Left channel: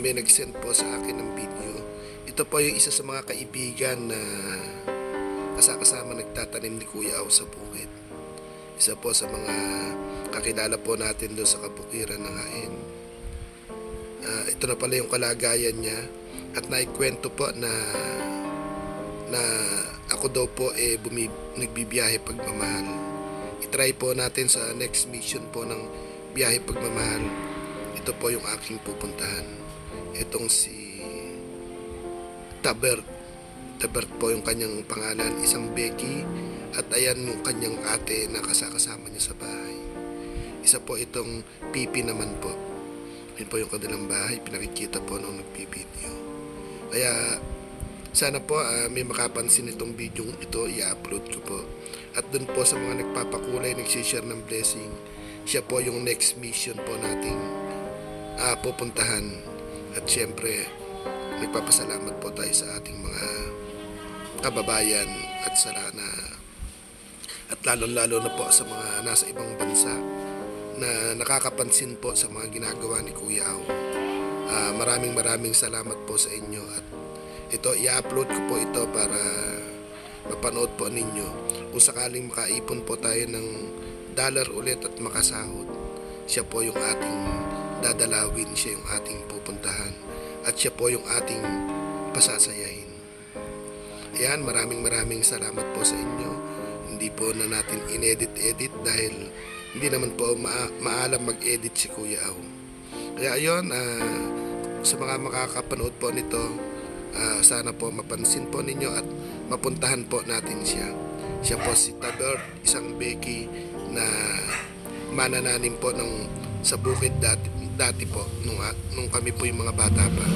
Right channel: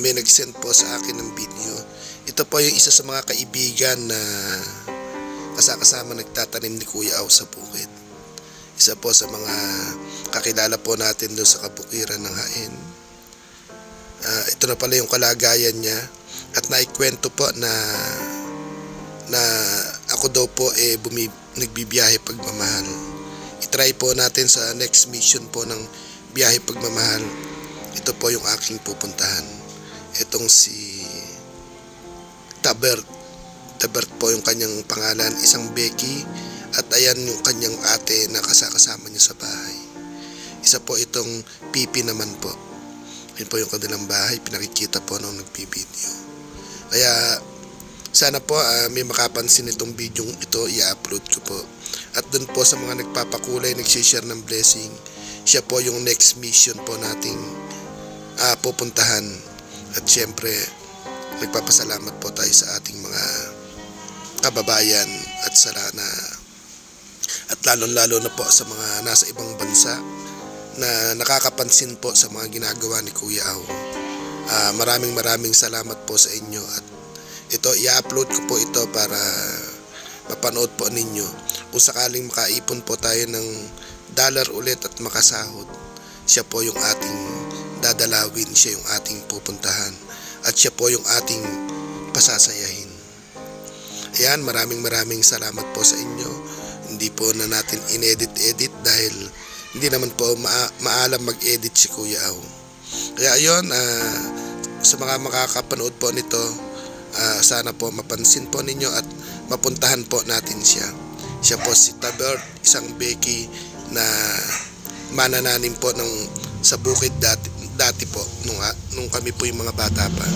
May nag-send po sa akin ng video. Ito po yung isa sa mga kaibigan na kasama nagtatanim ni Kuya Aw sa bukid. Isa po sa mga kakilala po natin doon sa kabukiran ng Hain. Ito na pala yung kalagayan niya at naikwento po na ako daw po nagbibiyahe pagmamahal. I-try po natin sa next mission po ng biyahe pagmamahal. Ito po yung aking pupuntahan. Itong si Tabert po yung kanyang pangalan, isang Becky, at ayan yung kanyang ate na kasama niya sa bahay. Isa po itong Pipi naman po. Yun po yung kanilang bahay, pinakikita po nung nagpi-video. Kaya sana po may makapansin itong video ito, i-upload ko po. At dun po sa mga nagpapakulay, nagsishare ng blessing, siya po yung next mission po nating pupuntahan. At syempre nagpapasalamat po tayo sa ating mga kababayan at at lalong-lalo na po sa mga nasa ibang bansa na nakakapansin po sa mga ginagawa ni Kuya Aw. Maraming salamat po sa inyo at ito i-upload ko po ito para mapanood po ninyo. Kung sakaling makaipon po tayo ng dollar ulit at makasahod, siya po yung ating dadalawin, siya yung ating pupuntahan at siya po yung ating pasasayahin. Ayan, maraming salamat po sa inyo. Hindi po na natin inedit dahil hindi naman po maalam mag-edit si Kuya Aw. Kaya ayun, sa mga makakapanood po nito, sana po mapansin po ninyo at mapuntahan po natin siya. Siya po si Tabert, isang Becky na manananim po sa bukid dati po nung kami po yung mga bata pa.